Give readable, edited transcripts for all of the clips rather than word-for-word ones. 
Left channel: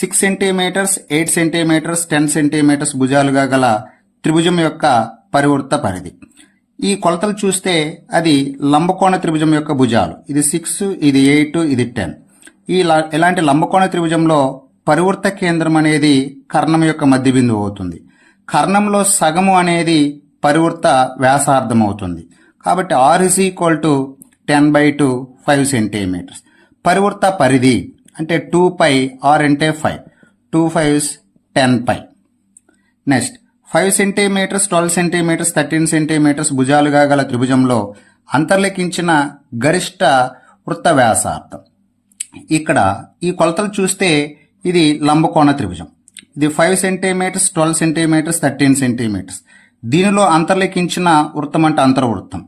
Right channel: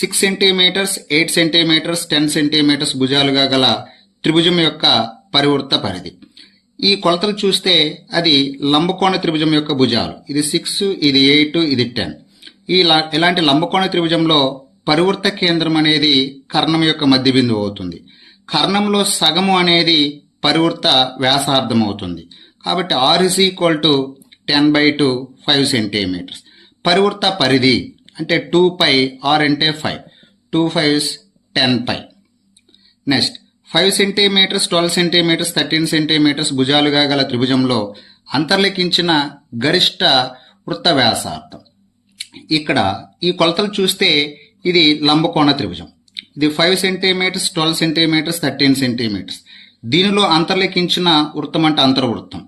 6 centimetres 8 centimetres 10 centimetres భుజాలుగా గల త్రిభుజం యొక్క పరివృత్త పరిధి. ఈ కొలతలు చూస్తే అది లంబకోణ త్రిభుజం యొక్క భుజాలు. ఇది 6, ఇది 8, ఇది 10. ఇలాంటి లంబకోణ త్రిభుజంలో పరివృత్త కేంద్రం అనేది కర్ణం యొక్క మధ్య బిందువు అవుతుంది. కర్ణంలో సగము అనేది పరివృత్త వ్యాసార్థం అవుతుంది. కాబట్టి r is equal to 10/2 5 centimetres. పరివృత్త పరిధి అంటే 2π, r అంటే 5, 2 5s 10π. Next 5 centimetres 12 centimetres 13 centimetres భుజాలుగా గల త్రిభుజంలో అంతర్లిఖించిన గరిష్ట వృత్త వ్యాసార్థం. ఇక్కడ ఈ కొలతలు చూస్తే ఇది లంబకోణ త్రిభుజం. ఇది 5 సెంటీమీటర్స్ 12 సెంటీమీటర్స్ 13 సెంటీమీటర్స్. దీనిలో అంతర్లిఖించిన వృత్తం అంటే అంతర్వృత్తం.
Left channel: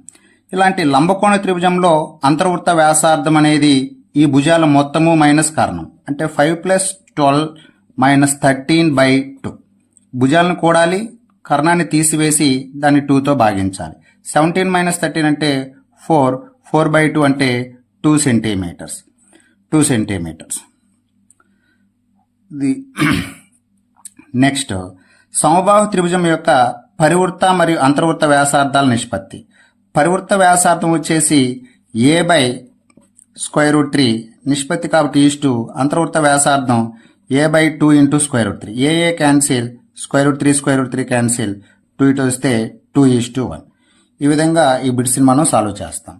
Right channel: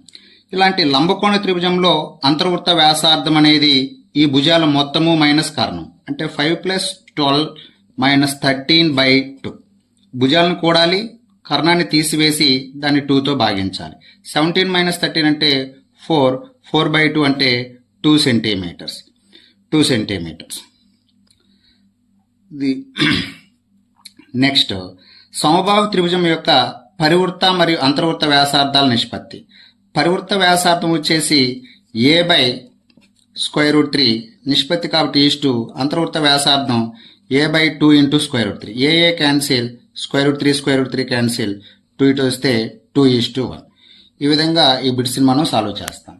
ఇలాంటి లంబకోణ త్రిభుజంలో అంతర్వృత్త వ్యాసార్థం అనేది ఈ భుజాల మొత్తము మైనస్ కర్ణం అంటే 5 + 12 - 13/2. భుజాలను కూడాలి, కర్ణాన్ని తీసివేసి దాన్ని 2తో భాగించాలి. 17 - 13 అంటే 4, 4/2 అంటే 2 సెంటీమీటర్స్. నెక్స్ట్ సమబాహు త్రిభుజం యొక్క పరివృత్త మరియు అంతర్వృత్త వ్యాసార్థాల నిష్పత్తి. పరివృత్త వ్యాసార్థం వచ్చేసి a/√3 నిష్పత్తి కాబట్టి ఈస్టు అంతర్వృత్త వ్యాసార్థం a/2 × √3. a క్యాన్సిల్, √3 క్యాన్సిల్, 2 ఇటు వస్తే 2:1. ఈ విధంగా ఈ బిట్స్ని మనం సాల్వ్ చేస్తాం.